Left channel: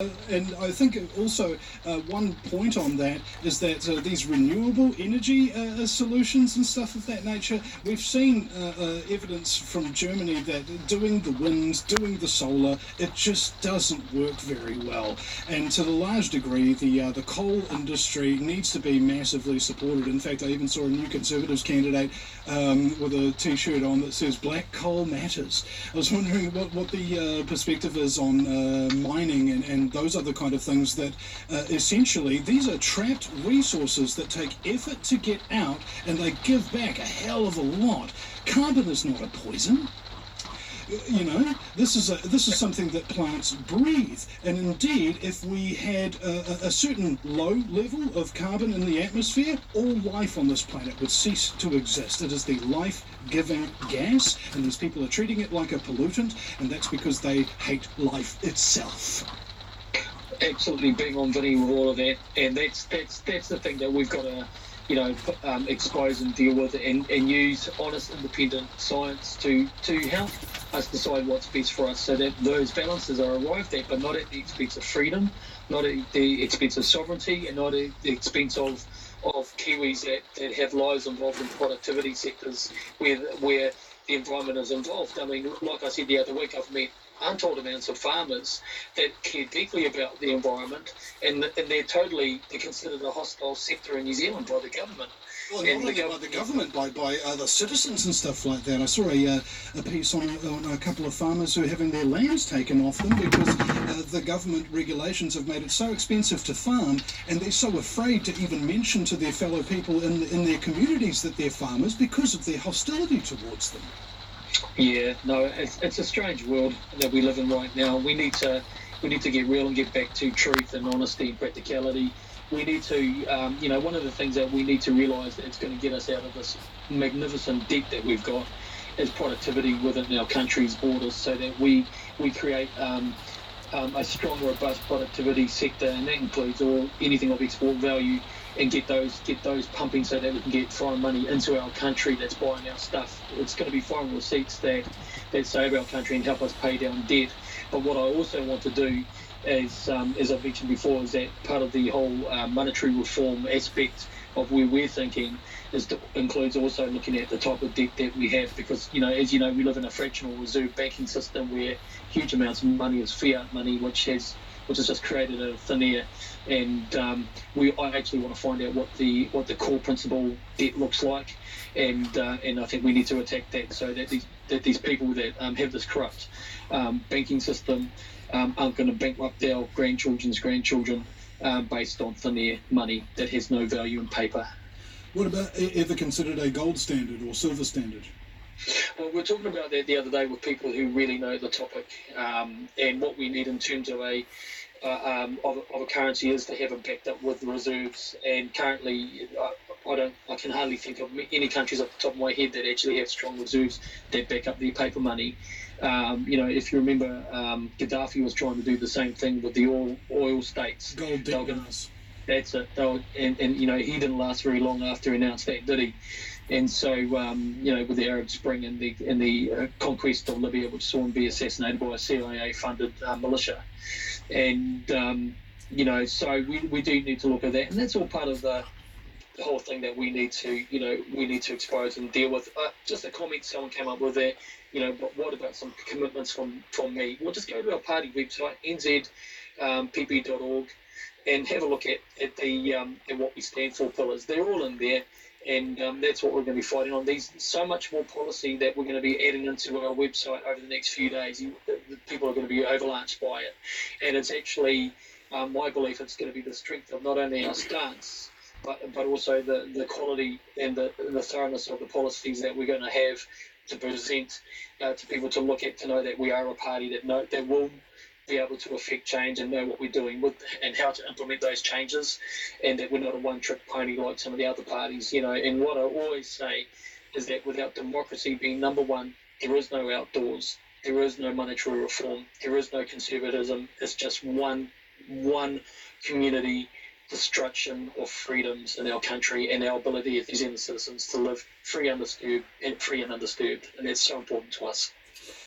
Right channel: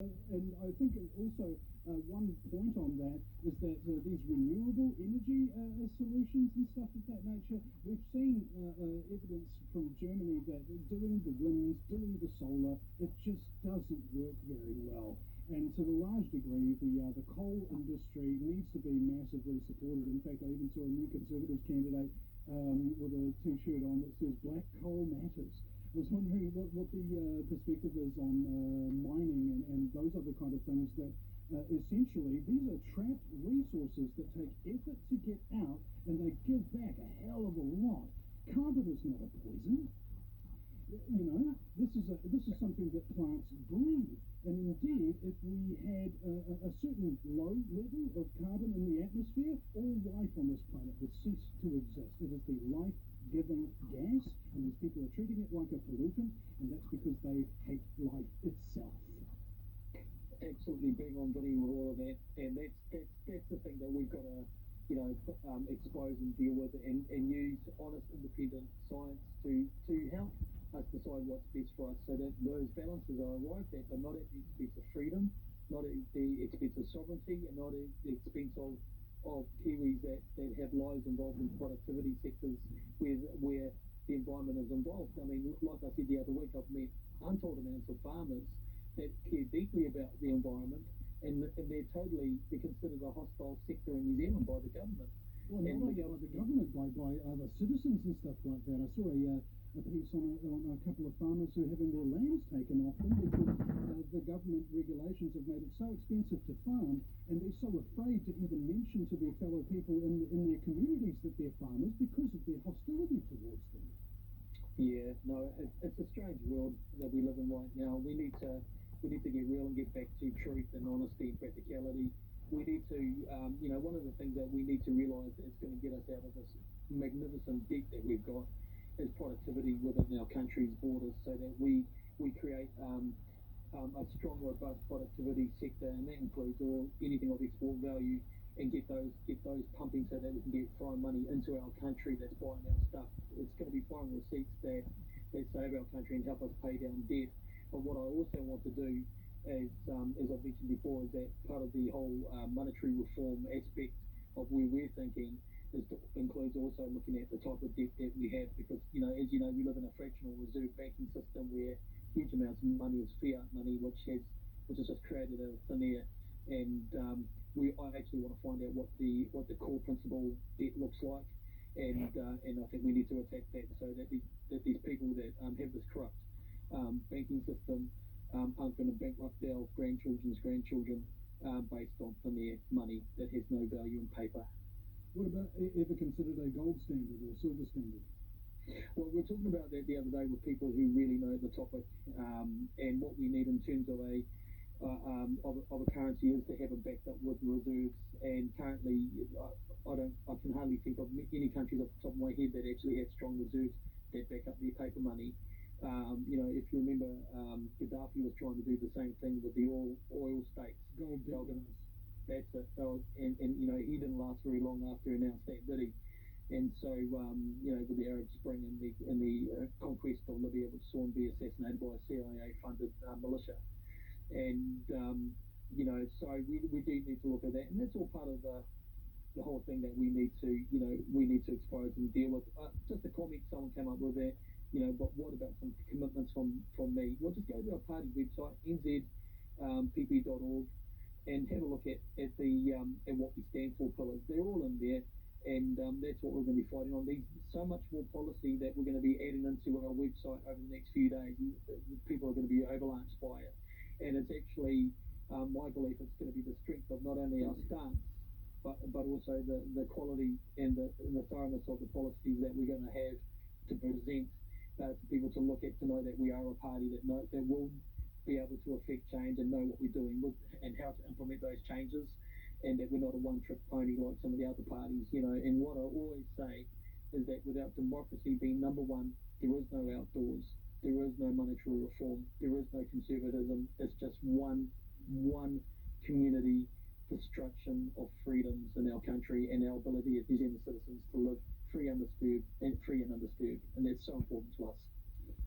And I think also one point on that is that these renewable energy solutions and stuff of that nature, we've seen evidence from Germany that doing the wind, doing the solar, it just doesn't work very well. And to the large degree, the coal industry needs to be massively supported. In fact, I even saw a new Conservatives candidate with a T-shirt on that says "Black Coal Matters." I was wondering what the perspective is on mining and those are the kind of things that essentially these are trapped resources that take effort to get out and they give back a hell of a lot. Carbon is not a poison. You know, this is something that plants breathe, and indeed, if we had a certain low level of carbon in the atmosphere, all life on this planet would cease to exist. It is the life-giving gas, and these people are treating it like a pollutant, and that's because they hate life itself. Absolutely big on Vinny with all of that, and that's the thing that we've got to expose and deal with, and use honest, independent science to help us decide what's best for us, so that those balances are arrived at, but not at the expense of freedom, not at the expense of sovereignty, and not at the expense of Kiwis that have lives involved in productivity sectors where the environment is involved. I mean, like I said the other week, I've met untold amounts of farmers that care deeply about the environment, and they're considered a hostile sector in New Zealand by the government. Well, not only by the government, by other citizens and stuff like that. I saw a piece on a couple of farmers who are having their lands taken off them because the government regulations have made it so expensive to farm, and they're so afraid to even mention to their fellow people in their communities that they're farmers because of their hostility towards them. Yeah, no, it's a strange world that we live in right now. We need to get real and get back to truth and honesty and practicality. We need to, one of the things that we need to realise that's going to get us out of this magnificent debt that we've got is productivity within our country's borders, so that we create a strong, robust productivity sector, and that includes anything of export value, and get those pumping so that we can get foreign money into our country that's buying our stuff. It's going to be foreign receipts that save our country and help us pay down debt. But what I also want to do, as I've mentioned before, is that part of the whole monetary reform aspect of where we're thinking includes also looking at the type of debt that we have, because, as you know, we live in a fractional reserve banking system where huge amounts of money is fiat money, which has just created a thin air. And I actually want to find out what the core principal debt looks like, and I think we need to attack that, so that these people that have this corrupt banking system aren't going to bankrupt our grandchildren's grandchildren based on thin air money that has no value in paper. What about ever considered a gold standard or silver standard? Well, we were talking about that the other day with people who really know the topic, and what we need in terms of a currency is to have it backed up with reserves. And currently, I can hardly think of any countries off the top of my head that actually have strong reserves that back up their paper money. If you remember, Gaddafi was trying to do the same thing with the oil states. Gold dinners. That's it. And he didn't last very long after he announced that, did he? And so, with the Arab Spring and the conquest of Libya, which saw him be assassinated by a CIA-funded militia, and so we do need to look at that, and that's all part of the whole thing that we need to expose and deal with. Just a comment someone came up with there. But what about some commitments from me? Well, just go to our party website, NZPublic.org, and have a look at what we stand for pillars. They're all in there. And that's what we're going to be fighting on. There's so much more policy that we're going to be adding into our website over the next few days. People are going to be avalanche by it. And it's actually my belief it's going to be the strength of not only our stance, but also the quality and the thoroughness of the policies that we're going to have to present to people to look at, to know that we are a party that will be able to affect change and know what we're doing with and how to implement those changes, and that we're not a one-trick pony like some of the other parties. And what I always say is that without democracy being number one, there is no outdoors, there is no monetary reform, there is no conservatism. It's just one community destruction of freedoms in our country and our ability as New Zealand citizens to live free and undisturbed, and that's so important to us.